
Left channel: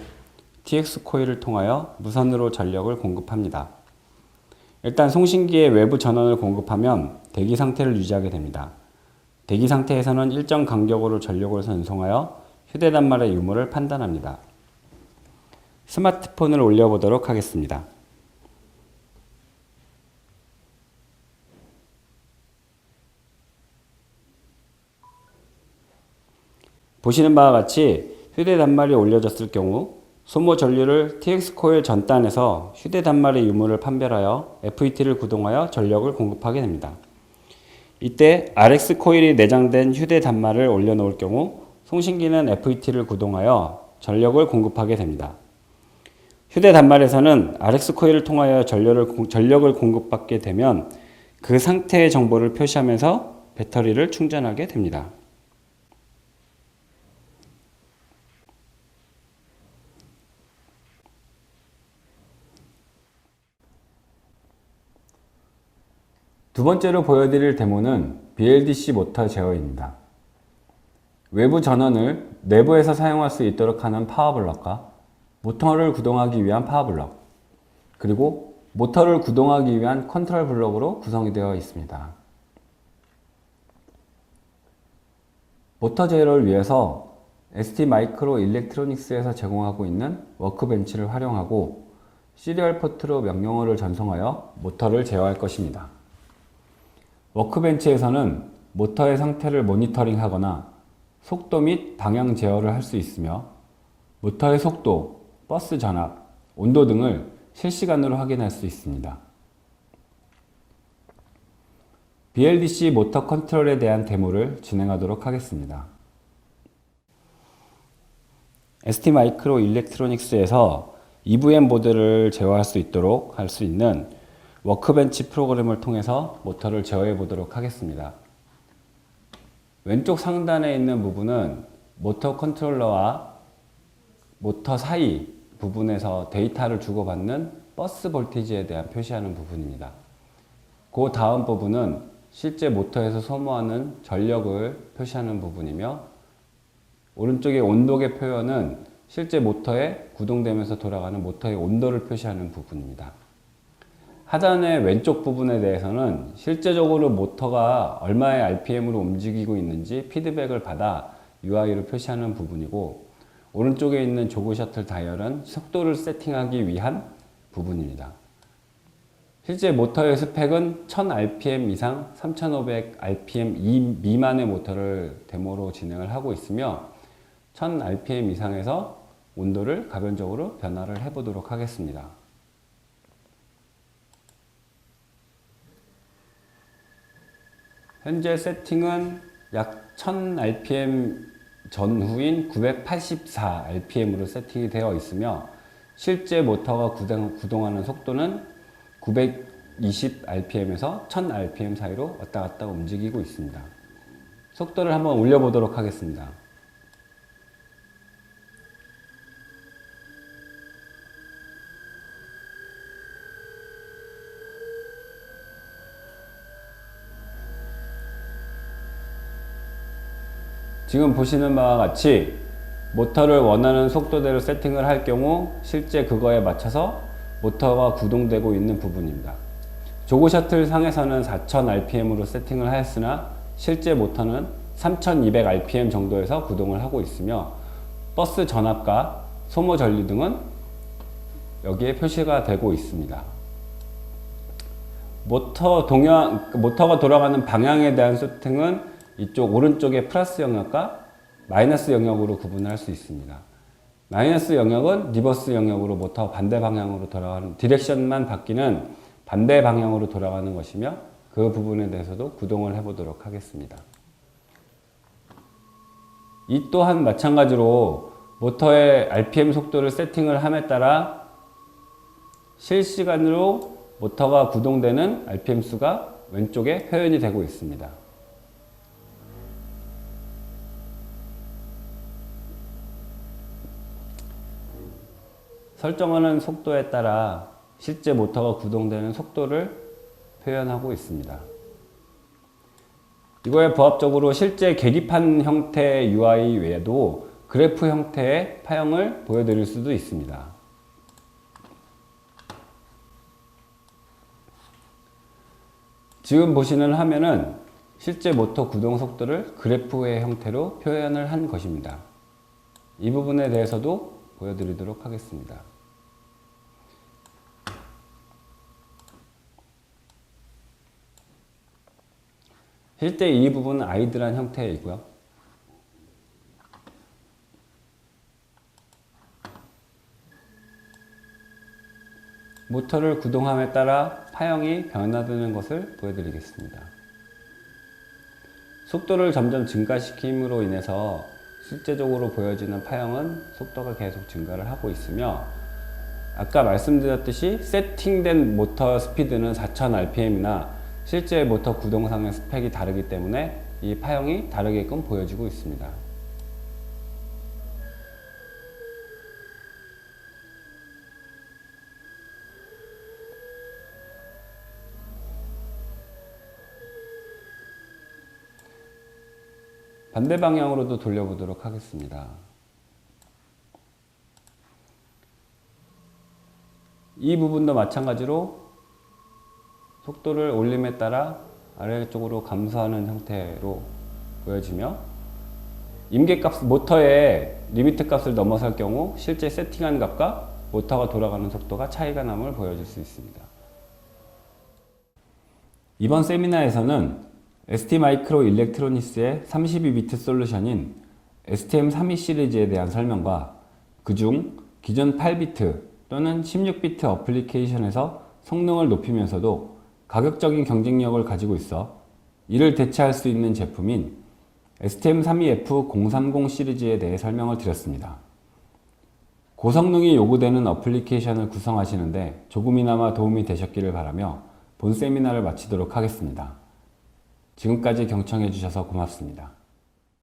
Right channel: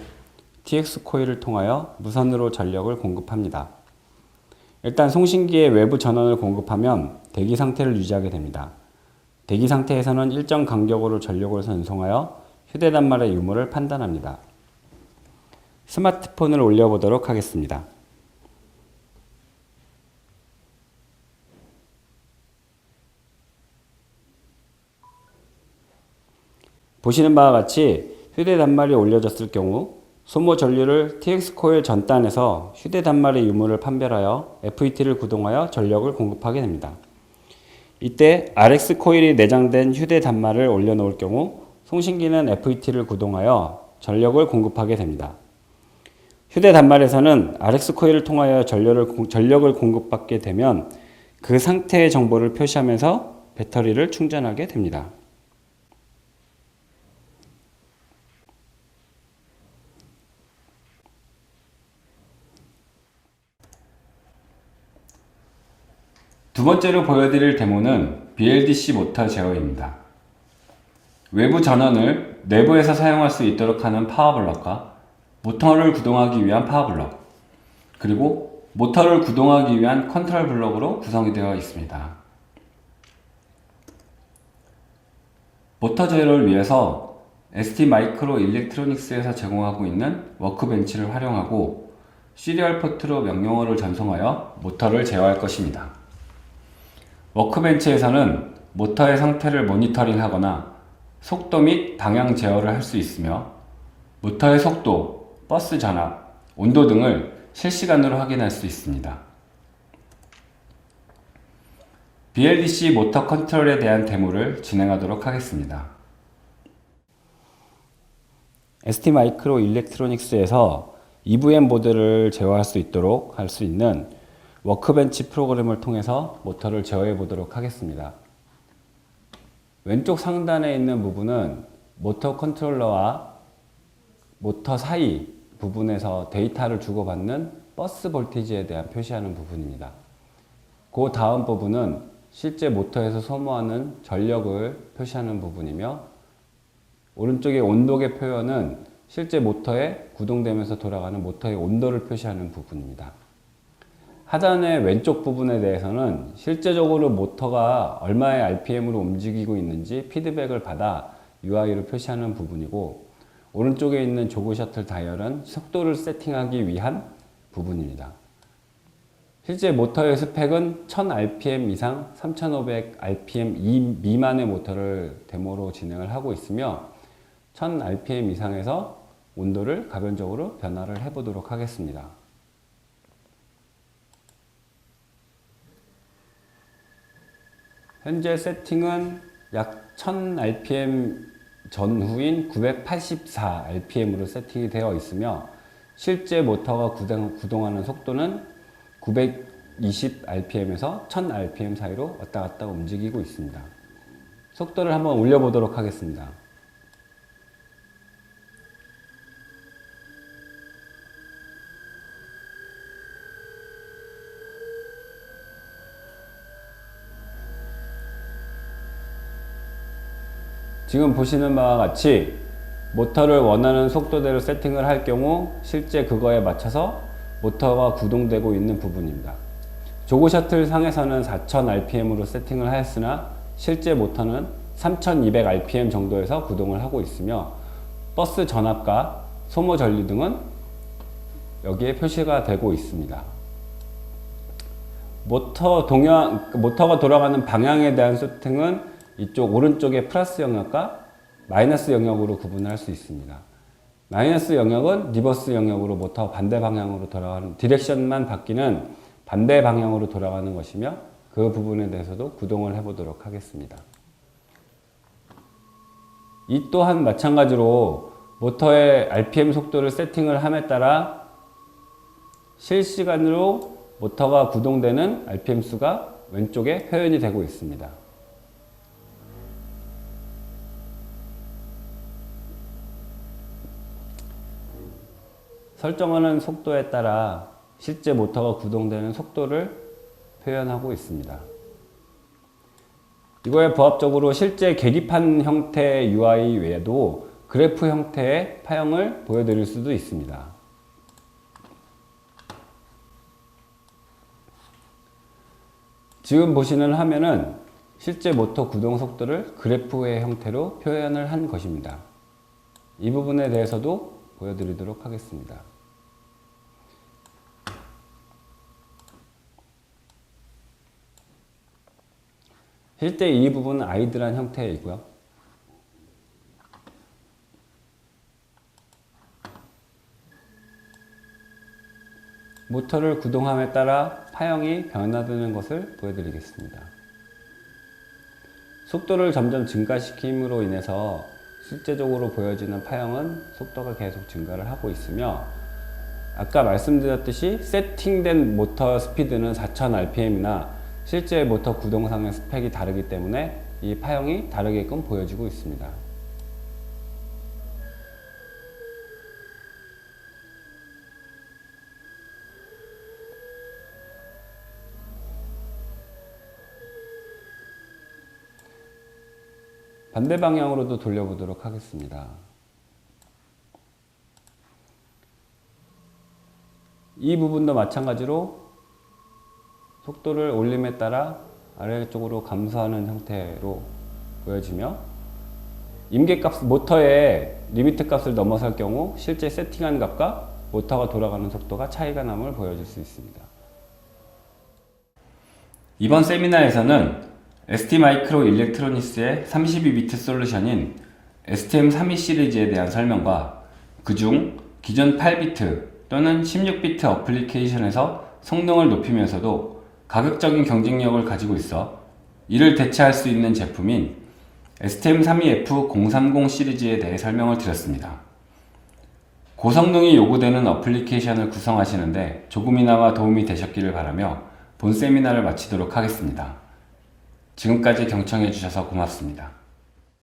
TX 코일을 통하여 무선으로 전력을 공급합니다. 일단 송신기에 외부 전원을 공급하면 대기 상태를 유지하게 됩니다. 대기 상태에서는 일정 간격으로 전력을 전송하여 휴대 단말의 유무를 판단합니다. 스마트폰을 올려보도록 하겠습니다. 보시는 바와 같이 휴대 단말이 올려졌을 경우 소모 전류를 TX 코일 전단에서 휴대 단말의 유무를 판별하여 FET를 구동하여 전력을 공급하게 됩니다. 이때 RX 코일이 내장된 휴대 단말을 올려놓을 경우 송신기는 FET를 구동하여 전력을 공급하게 됩니다. 휴대 단말에서는 RX 코일을 통하여 전력을 공급받게 되면 그 상태의 정보를 표시하면서 배터리를 충전하게 됩니다. 두 번째로 보여드릴 데모는 BLDC 모터 제어입니다. 외부 전원을 내부에서 사용할 수 있도록 하는 파워블럭과 모터를 구동하기 위한 파워블럭, 그리고 모터를 구동하기 위한 컨트롤 블럭으로 구성이 되어 있습니다. 모터 제어를 위해서 ST마이크로 일렉트로닉스에서 제공하고 있는 워크벤치를 활용하고 시리얼 포트로 명령어를 전송하여 모터를 제어할 것입니다. 워크벤치에서는 모터의 상태를 모니터링하거나 속도 및 방향 제어를 할 수 있으며 모터의 속도, 버스 전압, 온도 등을 실시간으로 확인할 수 있습니다. BLDC 모터 컨트롤에 대한 데모를 진행하도록 하겠습니다. ST 마이크로 일렉트로닉스에서 EVM 보드를 제어할 수 있도록 할 수 있는 워크벤치 프로그램을 통해서 모터를 제어해 보도록 하겠습니다. 왼쪽 상단에 있는 부분은 모터 컨트롤러와 모터 사이 부분에서 데이터를 주고받는 버스 볼티지에 대한 표시하는 부분입니다. 그 다음 부분은 실제 모터에서 소모하는 전력을 표시하는 부분이며, 오른쪽의 온도계 표현은 실제 모터에 구동되면서 돌아가는 모터의 온도를 표시하는 부분입니다. 하단의 왼쪽 부분에 대해서는 실제적으로 모터가 얼마의 RPM으로 움직이고 있는지 피드백을 받아 UI를 표시하는 부분이고, 오른쪽에 있는 조그 셔틀 다이얼은 속도를 세팅하기 위한 부분입니다. 실제 모터의 스펙은 1000rpm 이상 3500rpm 미만의 모터를 데모로 진행을 하고 있으며, 1000rpm 이상에서 온도를 가변적으로 변화를 해 보도록 하겠습니다. 현재 세팅은 약 1000rpm 전후인 984rpm으로 세팅이 되어 있으며, 실제 모터가 구동하는 속도는 920rpm에서 1000rpm 사이로 왔다 갔다 움직이고 있습니다. 속도를 한번 올려보도록 하겠습니다. 지금 보시는 바와 같이 모터를 원하는 속도대로 세팅을 할 경우 실제 그거에 맞춰서 모터가 구동되고 있는 부분입니다. 조그 셔틀 상에서는 4000rpm으로 세팅을 하였으나 실제 모터는 3200rpm 정도에서 구동을 하고 있으며, 버스 전압과 소모 전류 등은 여기에 표시가 되고 있습니다. 모터가 돌아가는 방향에 대한 세팅은 이쪽 오른쪽의 플러스 영역과 마이너스 영역으로 구분할 수 있습니다. 마이너스 영역은 리버스 영역으로 모터가 반대 방향으로 돌아가는, 디렉션만 바뀌는 반대 방향으로 돌아가는 것이며, 그 부분에 대해서도 구동을 해 보도록 하겠습니다. 이 또한 마찬가지로 모터의 RPM 속도를 세팅을 함에 따라 실시간으로 모터가 구동되는 RPM 수가 왼쪽에 표현이 되고 있습니다. 설정하는 속도에 따라 실제 모터가 구동되는 속도를 표현하고 있습니다. 이거에 부합적으로 실제 계기판 형태의 UI 외에도 그래프 형태의 파형을 보여드릴 수도 있습니다. 지금 보시는 화면은 실제 모터 구동 속도를 그래프의 형태로 표현을 한 것입니다. 이 부분에 대해서도 보여드리도록 하겠습니다. 실제 이 부분은 아이들한 형태이고요. 모터를 구동함에 따라 파형이 변화되는 것을 보여드리겠습니다. 속도를 점점 증가시킴으로 인해서 실제적으로 보여지는 파형은 속도가 계속 증가를 하고 있으며, 아까 말씀드렸듯이 세팅된 모터 스피드는 4000rpm이나 실제 모터 구동상의 스펙이 다르기 때문에 이 파형이 다르게끔 보여지고 있습니다. 반대 방향으로도 돌려보도록 하겠습니다. 이 부분도 마찬가지로 속도를 올림에 따라 아래쪽으로 감소하는 형태로 보여지며, 임계값, 모터의 리미트 값을 넘어설 경우 실제 세팅한 값과 모터가 돌아가는 속도가 차이가 남을 보여줄 수 있습니다. 이번 세미나에서는 ST 마이크로 일렉트로닉스의 32비트 솔루션인 STM32 시리즈에 대한 설명과 그중 기존 8비트 또는 16비트 어플리케이션에서 성능을 높이면서도 가격적인 경쟁력을 가지고 있어 이를 대체할 수 있는 제품인 STM32F030 시리즈에 대해 설명을 드렸습니다. 고성능이 요구되는 어플리케이션을 구성하시는데 조금이나마 도움이 되셨기를 바라며 본 세미나를 마치도록 하겠습니다. 지금까지 경청해 주셔서 고맙습니다.